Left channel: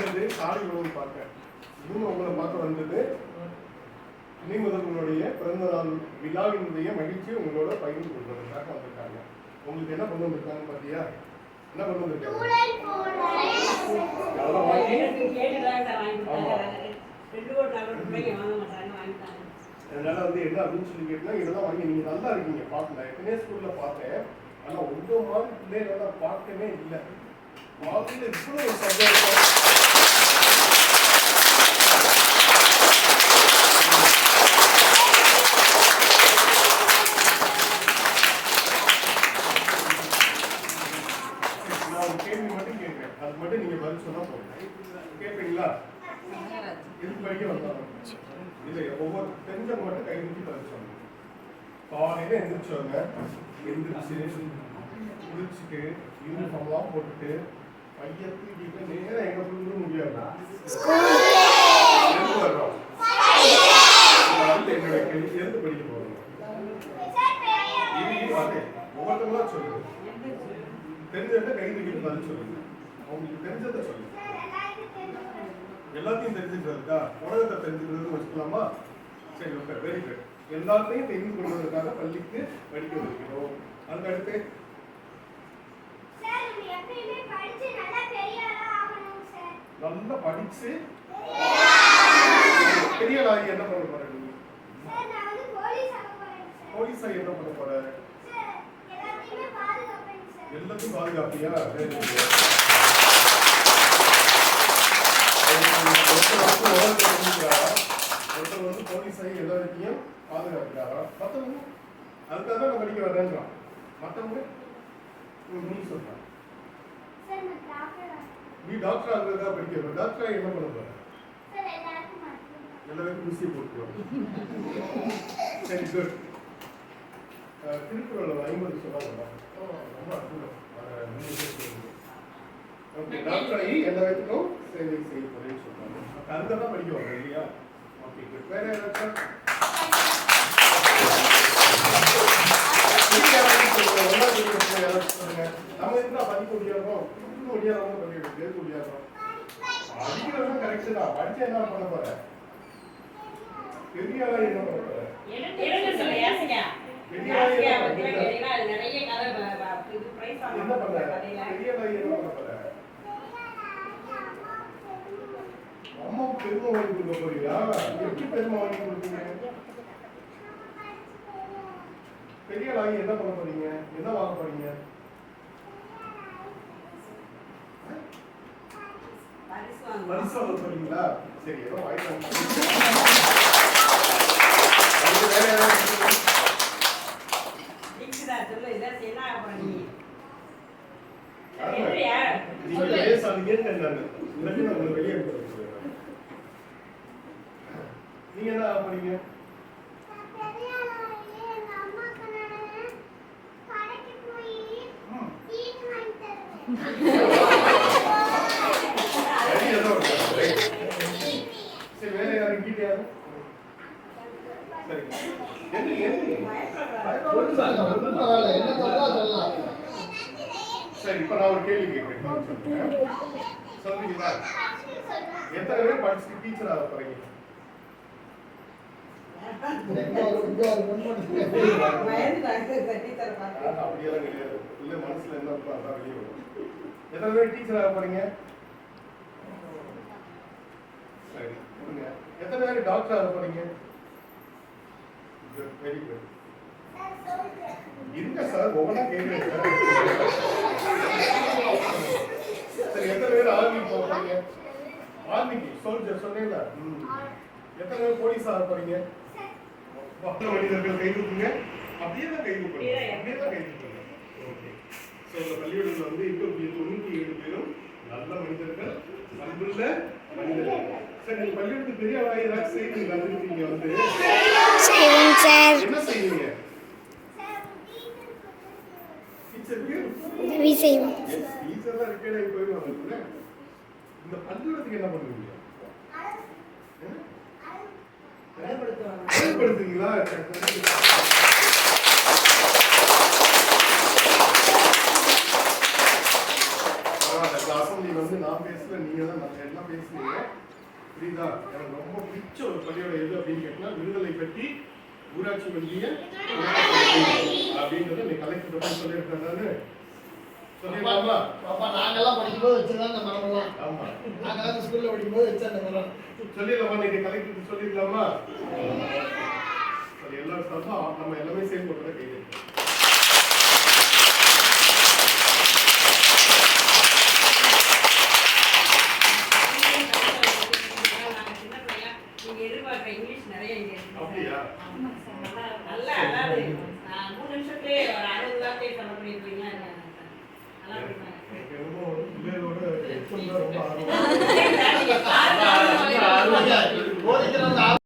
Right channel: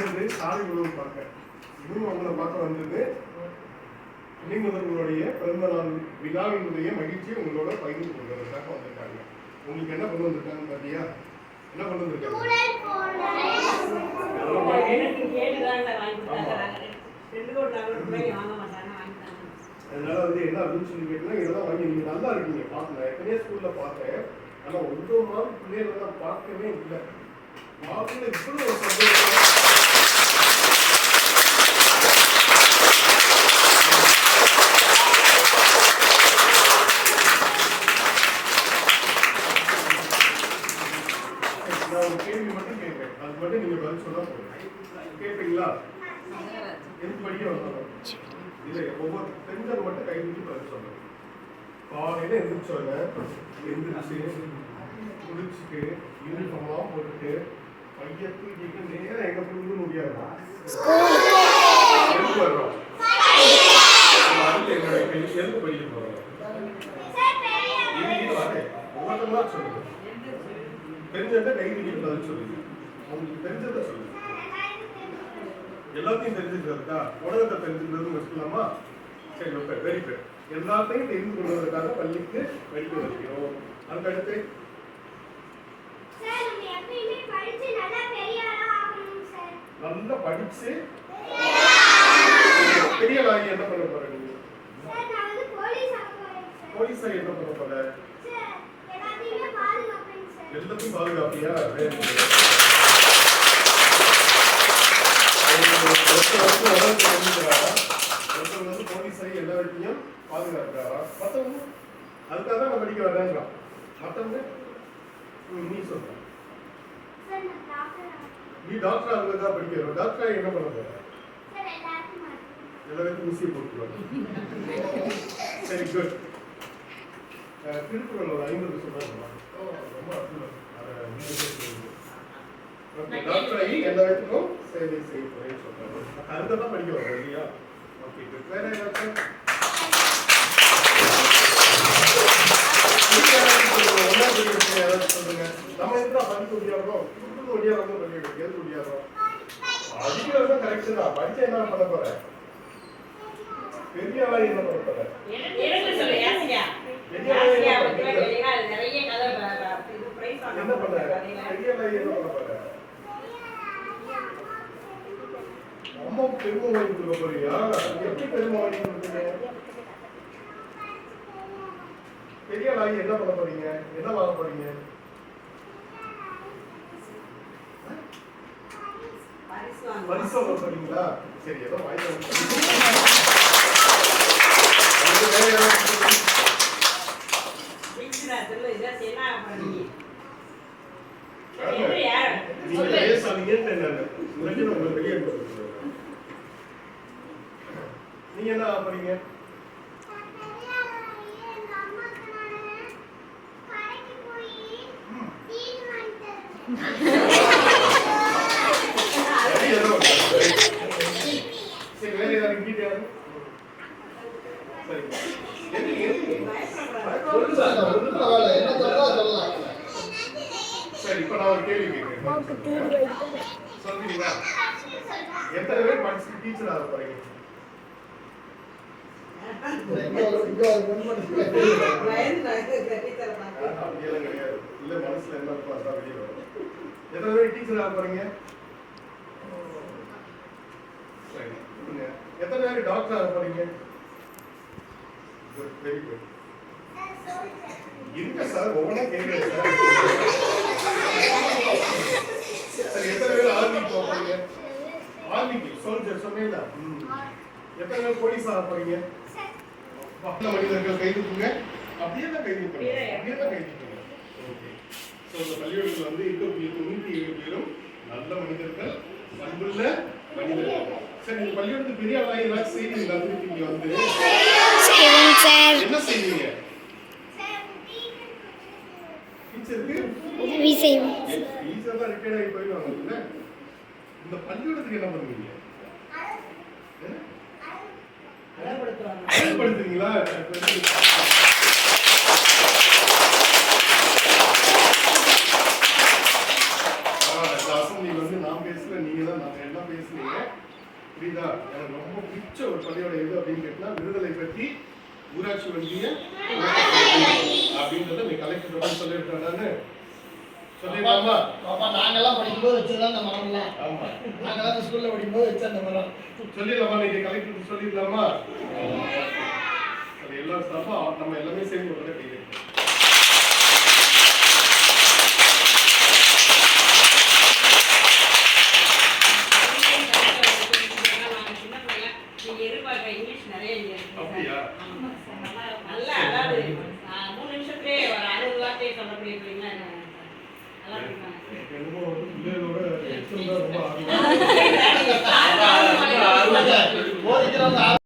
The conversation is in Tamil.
பார்க்கறது சாரி உணவு பார்க்க. இதுவும் உங்களை பார்க்க வந்தது. இணைந்தவர்களுடைய பிறந்த நாள் விழாவினுடைய மகிழ்ச்சியை உங்களோட பகிர்ந்து கொள்வதற்காக வந்திருக்காங்க. உங்களுக்கு என்ன கொண்டு வந்திருக்காங்க பாத்தியா? என்ன கொண்டு வந்திருக்காங்க? அதனால வந்து என்ன அப்படின்னு சொல்லி கேட்டீங்கன்னா இதெல்லாம் வாங்கி நீங்க நல்லா இருக்கீங்க. பார்க்கல எத்தனையோ ஸ்கூல்ல பார்த்தேன். ஆனா உங்க மாதிரி பிள்ளைகளெல்லாம் பார்க்கவே இல்லை. வாழ்க்கையில் இவ்வளோ சந்தோஷம். கேட்பீங்களா எதுக்கு படிக்க வந்தாலும் இல்லை ஒவ்வொரு தெரிஞ்சவங்க மட்டும் கை தூக்கி பதில் சொல்லணும் காலையில எந்திரிச்சோங்க எந்திரிச்சு குளிச்சுட்டு யூனிஃபார்ம்லாம் போட்டுட்டு பையன் தூக்கிட்டு நேரம் எங்க போகணும்னு முடியாது. எதுக்கு வர்றோம்? அடுத்து என்னோட கேள்வி, எதுக்கு படிக்க இது வந்து ஒவ்வொருத்தங்களா சொல்லுங்க. தெரிஞ்சதை கை தூக்கிட்டு பதில் சொல்லுங்க. உங்களுக்கு தெரிஞ்சதை சொல்லுங்க. எல்லாத்தையும் தெரிஞ்சுக்கிறதுக்கா? உலகத்தை தெரிஞ்சுக்கிறது வச்சுக்கலாமா? சரி ஓகே வெரி குட் எல்லாத்தையும் தெரிந்து கொள்வதற்காக பள்ளிக்கு படிக்க வருகிறோம் அதுக்கடுத்து நல்லா படிச்சு பெரிய ஆகி என்ன பண்ண போற நீங்க? போலீஸா என்ன பண்ண போற? எல்லாத்தையும் பாதுகாப்பியா. ஒருத்தர் வந்து உலகத்தை தெரிஞ்சுக்கிறாரா எல்லா இடத்தையும் பாதுகாக்கிறாரா மற்றவங்க அதுக்காக தான் நம்ம படிக்க வரேன்றான் மற்றவங்க ம், நீ சொல்ற நீ டாக்டர் ஆகுறதா படிக்கிற டாக்டர் என்ன பண்ண போற எல்லாருக்கும் ஊசி போட்டுருவாங்க சரி குட் திருக்குறள் ஒரு ஐம்பது சொன்னாங்க ரொம்ப அற்புதம் அதை ஓகே எல்லா இடத்துக்கும் சேவை செய்ய போறேன்னு சொல்றாங்க அடுத்த தான் படிக்க வரோம் இல்லையா ஓகே குட் வேற. நம்ம எதுக்குடா படிக்க முடியாதோம் குடுக்குன்னு ஒடியாராம படிக்கிறது எதுக்கு ஒடியாரோம் படிக்கிறது தான் கரெக்ட் தான் படிச்சா என்ன பண்ண போற பெரிய ஆளா என்ன பண்ண போற எனக்கு சொல்லு யாசிகா யாசிகா பத்தி கேட்டீங்கன்னா அது நிறைய கதை ப- ப- இது பிரைஸ் வாங்க என்ன பண்ண கதையில பெரிய ஆளா என்ன பண்ண போற அம்மா பெருமை வாங்கி கொடுக்க போறியா எப்படி பெருமை வாங்கி கொடுப்பீங்க? பெரிய வாங்கி என்ன பண்ண போறீங்க? என்ன வாங்க போறீங்க? பரிசு வாங்க போறீங்களா? சரி ஏதோ வாங்கி அது வேற யாராவது ஜெயிச்சுடா, சொல்லு இதான் என்ன ஆக போற நீ ஆமா. எப்படி யார் நீங்க சொல்லு பேசாதீங்கன்னு நான் இல்லாட்டி நான் உங்களை வெளியே அனுப்ப சொல்லுவேன் நீங்க என்ன ஆக போறீங்க ம். சரி, ஏதோ ஒண்ணு. சரி, வேற யாரும் கீழே யாரும்? சரி. எது, எது? ஒண்ணும் ஒண்ணும் பரவாயில்ல. என்ன சொல்லலாம். சரி, இப்ப நான் ஒரு கேள்வி கேட்கிறேன். சொல்றீங்களா? எத்தனை பேர் படிச்சு டீச்சர் ஆக போறீங்க. உள்ள மனசுல என்ன வெளியே வரும். எத்தனை பேர் டீச்சர் ஆக போறீங்க சரி. எத்தனை பேர் டாக்டர் ஆக போறீங்க குட் வெரி குட் இருக்க சார் ஒவ்வொன்றா கேட்குறேன் சரி எத்தனை பேர் ஆர்மி போக போறீங்க ஆர்மிக்கு ம். எத்தனை பேர் போலீஸ் ஆக போறீங்க மனிதர்கள் கை தூக்குங்க. அப்படியே தான் கை தூக்குங்க. அப்படியே தான் கை தூக்குங்க. ஓகே. ஸோ இந்த பள்ளியோடத்தில் வந்து இருக்கக்கூடிய தொண்ணூற்றி ஏழு பேரும் நல்ல மனிதர்கள் அன்புள்ள மனிதர்கள். சரி இந்த பள்ளியோடத்து பெரிய ஏதாச்சும் செய்வீங்களா? திருப்பி இங்க வந்து. என்ன செய்வீங்க? டீச்சருக்கு? டீச்சர் தான் ரிட்டையர்ட் ஆகி போயிடுவாங்கல்ல இந்த பள்ளியோடத்துக்கு என்ன பண்ணுவீங்க? அசம்பிளி வந்து நான் பேசல நீங்க தான் நான் எல்லாம் பேசுனீங்க புரியுதா? எனக்கு ரொம்ப பிடிச்ச ஒரு பள்ளியோட எது அப்படின்னு கேட்டா விடுதலை பற்றி ஊராட்சி வங்கிய அப்படின்றத நீ கலெக்டர் சொல்லியிருக்கானு சொல்லிடலாமா பாப்பா. நாங்கெல்லாம் படிக்கும்போது வச்சுதான் அந்த மரம்லாம் ஆமா. நாங்கெல்லாம் ஸ்கூல்ல படிக்கும்போது வச்ச அந்த மரம். சொல்லிடலாமா? நீங்க கலெக்டருக்கு சொல்லிடலாமா? அது எல்லா ஸ்டாஃபா நம்ம எல்லாமே சேர்ந்து ரொம்ப ஆர்வம் போதிக்கிறவங்க